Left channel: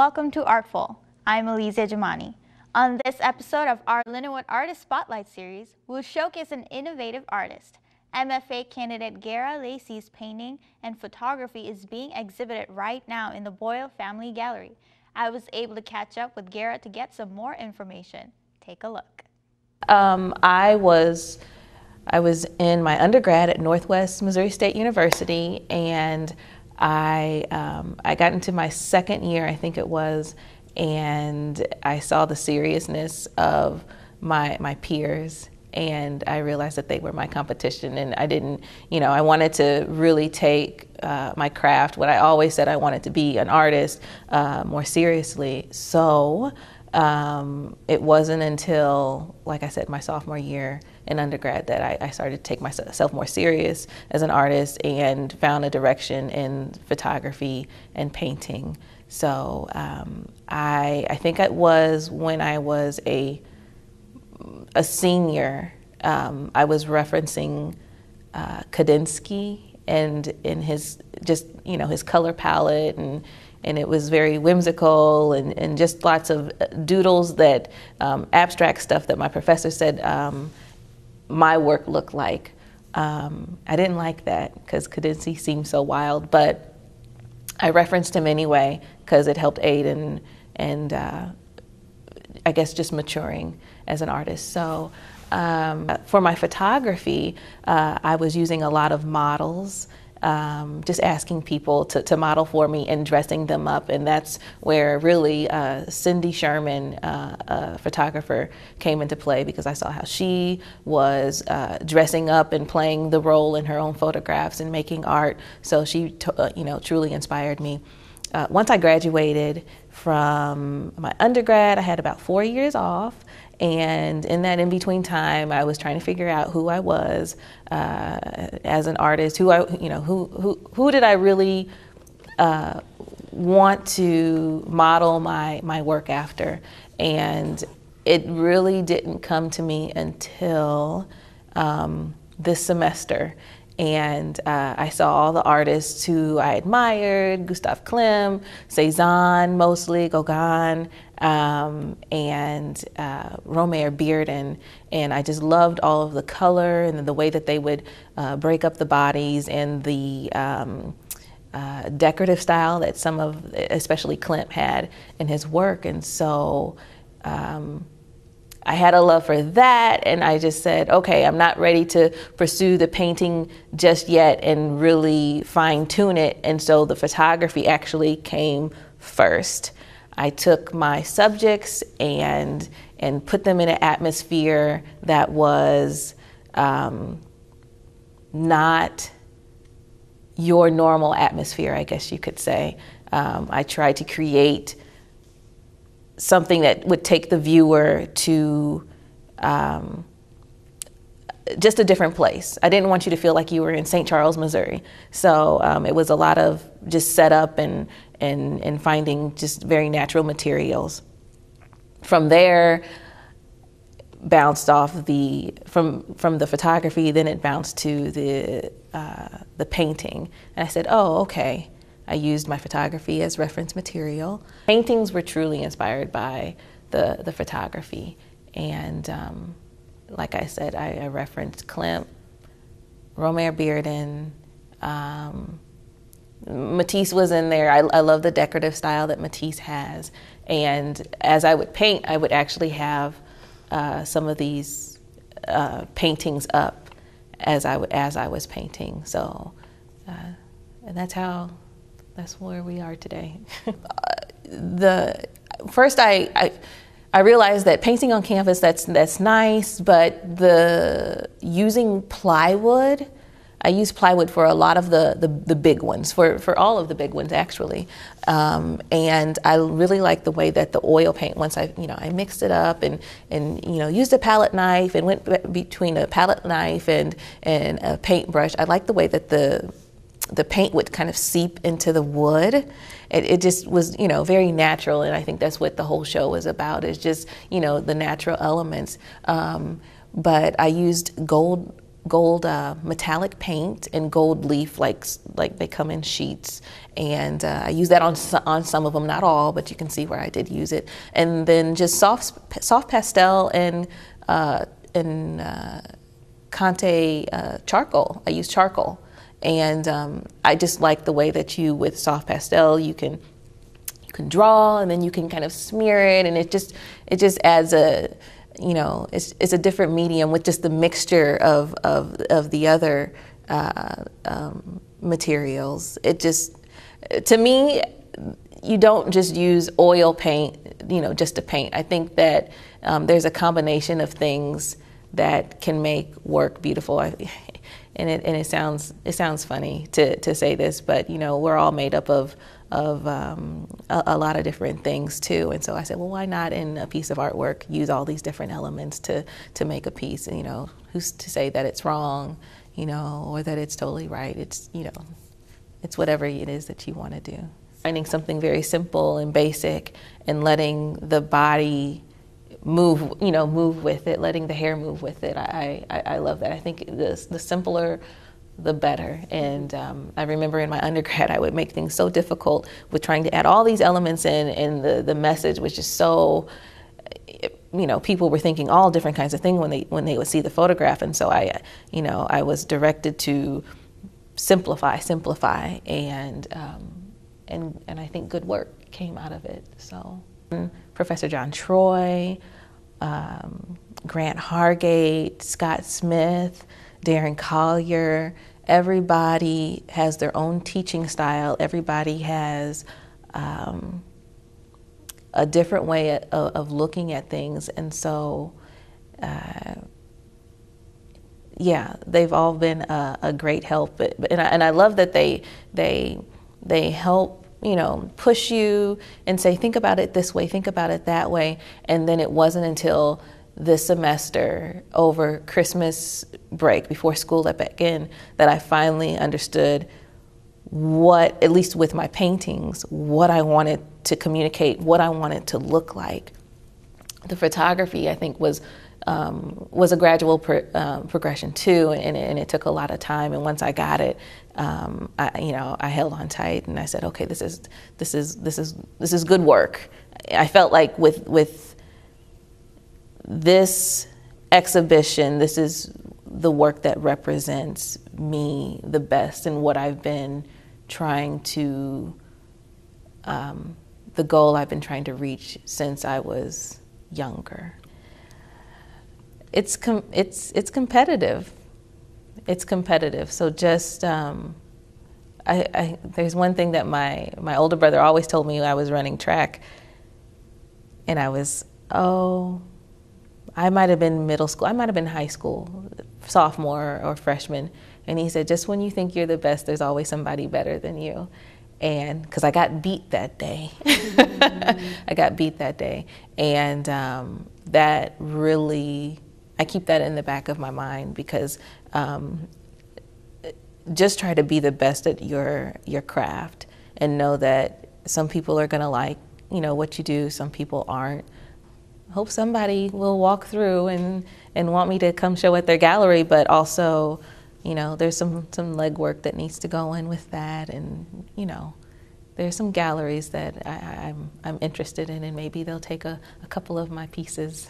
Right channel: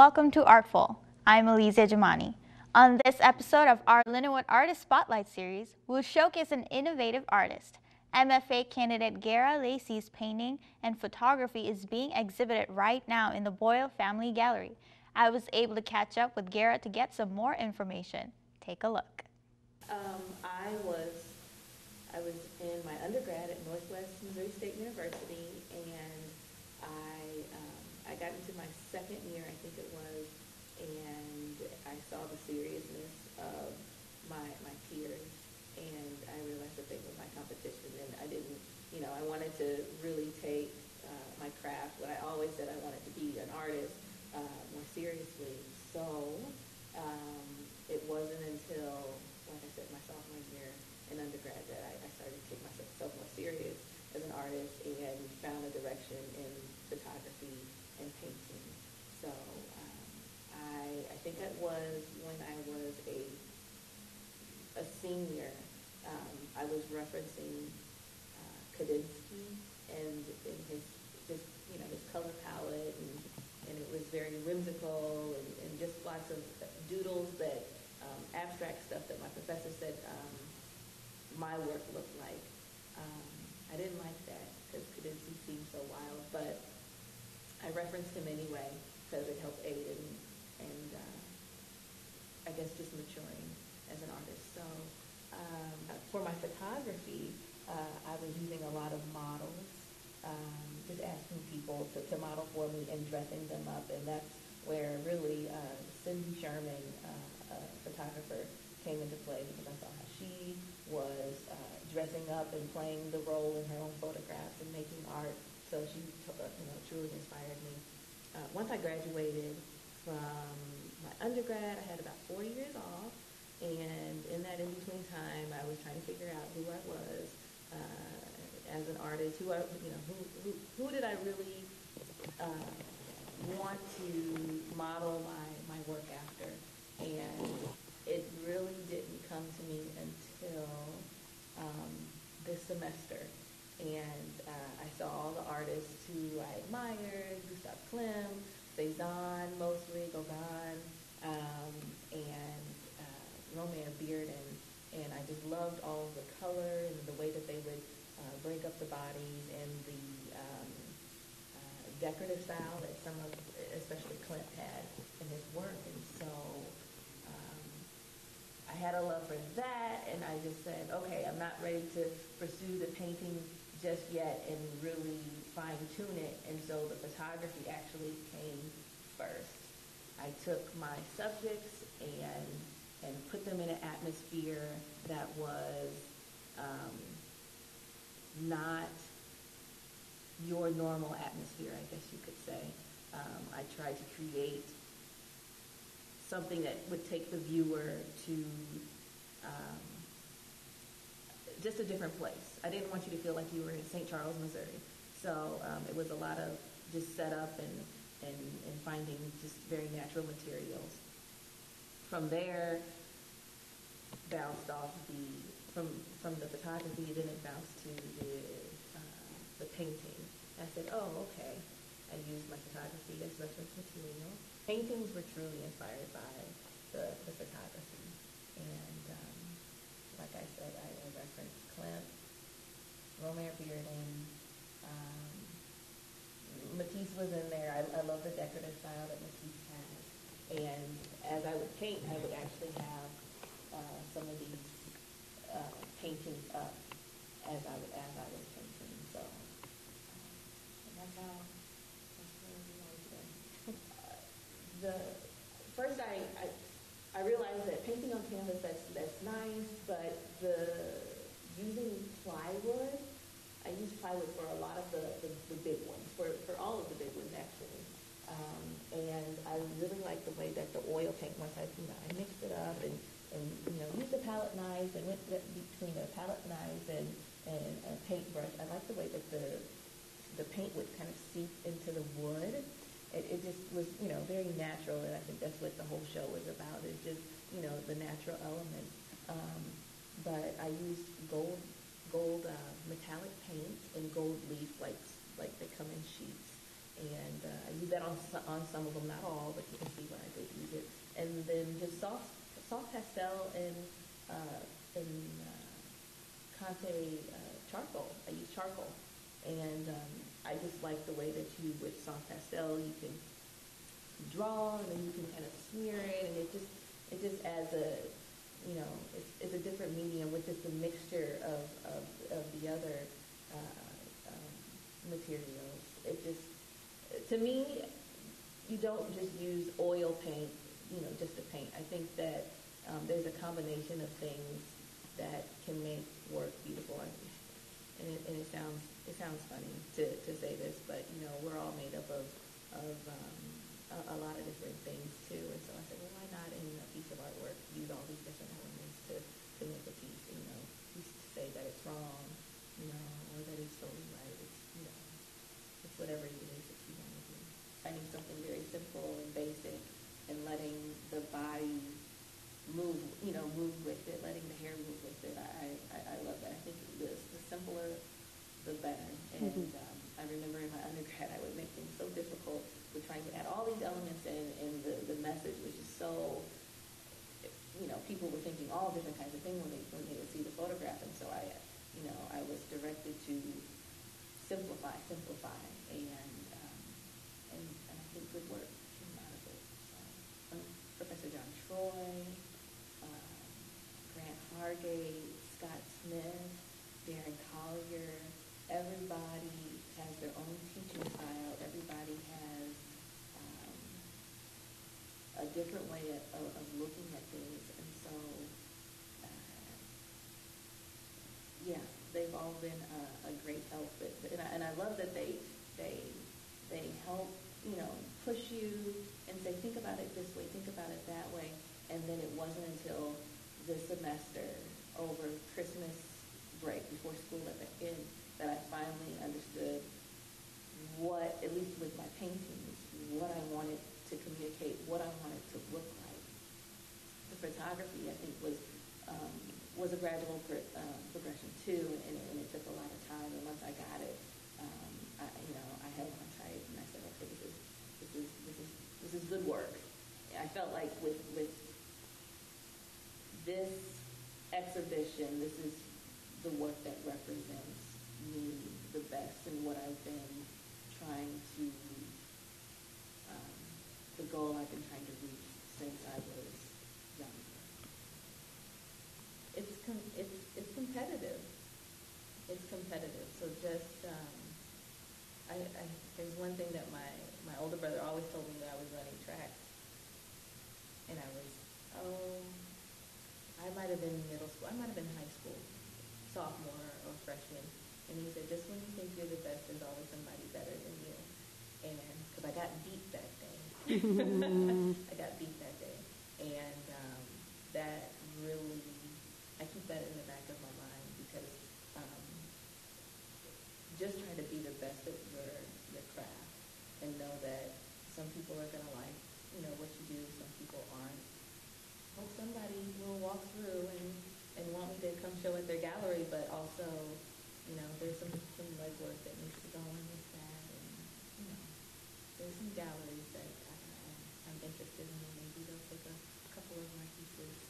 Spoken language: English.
welcome to Artful. I'm Lacy Jamani. On this episode of our Lindenwood Artist Spotlight series, we'll showcase an innovative artist. MFA candidate Gara Lacy's painting and photography is being exhibited right now in the Boyle Family Gallery. I was able to catch up with Gara to get some more information. Take a look. I was in my undergrad at Northwest Missouri State University, and I got into my second year, I think it was, and I saw the seriousness of my peers, and I realized that they were my competition, and I didn't, I wanted to really take my craft, what I always said I wanted to be, an artist, more seriously. So it wasn't until, like I said, my sophomore year in undergrad that I started to take myself more serious as an artist and found a direction in photography and painting. So I think it was when I was a senior, I was referencing Kandinsky and in his his color palette, and it was very whimsical and just lots of doodles that abstract stuff that my professor said my work looked like. I didn't like that because Kandinsky seemed so wild, but I referenced him anyway because it helped aid and I guess just maturing as an artist. So for my photography, I was using a lot of models, just asking people to model for me and dressing them up, and that's where really Cindy Sherman, a photographer, came into play, because I saw how she was dressing up and playing the role in her own photographs and making art. So she truly inspired me. Once I graduated from my undergrad, I had about 4 years off. And in that in-between time, I was trying to figure out who I was as an artist. Who did I really want to model my work after? And it really didn't come to me until this semester. And I saw all the artists who I admired: Gustav Klimt, Cezanne, mostly Gauguin, and Romare Bearden, and I just loved all of the color and the way that they would break up the bodies, and the decorative style that some of, especially Klimt, had in his work. And so I had a love for that, and I just said, okay, I'm not ready to pursue the painting just yet and really fine-tune it, and so the photography actually came first. I took my subjects and put them in an atmosphere that was not your normal atmosphere, I guess you could say. I tried to create something that would take the viewer to just a different place. I didn't want you to feel like you were in St. Charles, Missouri. So it was a lot of just setup and finding just very natural materials. From there, bounced off from the photography, then it bounced to the painting. And I said, oh, okay. I used my photography as reference material. Paintings were truly inspired by the photography. And like I said, I referenced Klimt, Romare Bearden, Matisse was in there. I love the decorative style that Matisse has. And as I would paint, I would actually have some of these paintings up as I was painting. So, and that's where we are today. First I realized that painting on canvas, that's nice, but using plywood, I use plywood for a lot of the big ones, for all of the big ones actually, and I really like the way that the oil paint, once I mixed it up and used a palette knife and went between a palette knife and a paintbrush. I like the way that the paint would kind of seep into the wood. It just was very natural, and I think that's what the whole show is about, is just the natural elements. But I used gold metallic paint and gold leaf, like they come in sheets. And I use that on some of them, not all, but you can see where I did use it. And then just soft pastel and Conte charcoal. I use charcoal. And I just like the way that with soft pastel, you can draw, and then you can kind of smear it, and it just adds it's a different medium with just the mixture of the other materials. It just, to me, you don't just use oil paint, just to paint. I think that there's a combination of things that can make work beautiful. And it sounds funny to say this, but we're all made up of a lot of different things too. And so I said, well, why not in a piece of artwork use all these different elements to make a piece? And who's to say that it's wrong, or that it's totally right? It's it's whatever it is that you want to do. Finding something very simple and basic and letting the body move with it, letting the hair move with it. I love that. I think the simpler, the better. And I remember in my undergrad, I would make things so difficult with trying to add all these elements in, and the message was just so, people were thinking all different kinds of things when they would see the photograph. And so I was directed to simplify, and I think good work came out of it. So Professor John Troy, Grant Hargate, Scott Smith, Darren Collier, everybody has their own teaching style. Everybody has a different way of looking at things. And so, yeah, they've all been a great help. And I love that they help, push you and say, think about it this way, think about it that way. And then it wasn't until this semester, over Christmas break, before school let back in, that I finally understood what, at least with my paintings, what I wanted to communicate, what I wanted to look like. The photography, I think, was a gradual progression too, and it took a lot of time. And once I got it, I held on tight, and I said, okay, this is good work. I felt like with this exhibition, this is the work that represents me the best, and what I've been trying to, the goal I've been trying to reach since I was younger. It's competitive. It's competitive. So just, there's one thing that my older brother always told me when I was running track, and I might have been middle school, I might have been high school, sophomore or freshman, and he said, just when you think you're the best, there's always somebody better than you. And because I got beat that day. I got beat that day. And that really, I keep that in the back of my mind, because just try to be the best at your craft, and know that some people are going to like, what you do, some people aren't. Hope somebody will walk through and want me to come show at their gallery, but also, there's some legwork that needs to go in with that, and there's some galleries that I'm interested in, and maybe they'll take a couple of my pieces.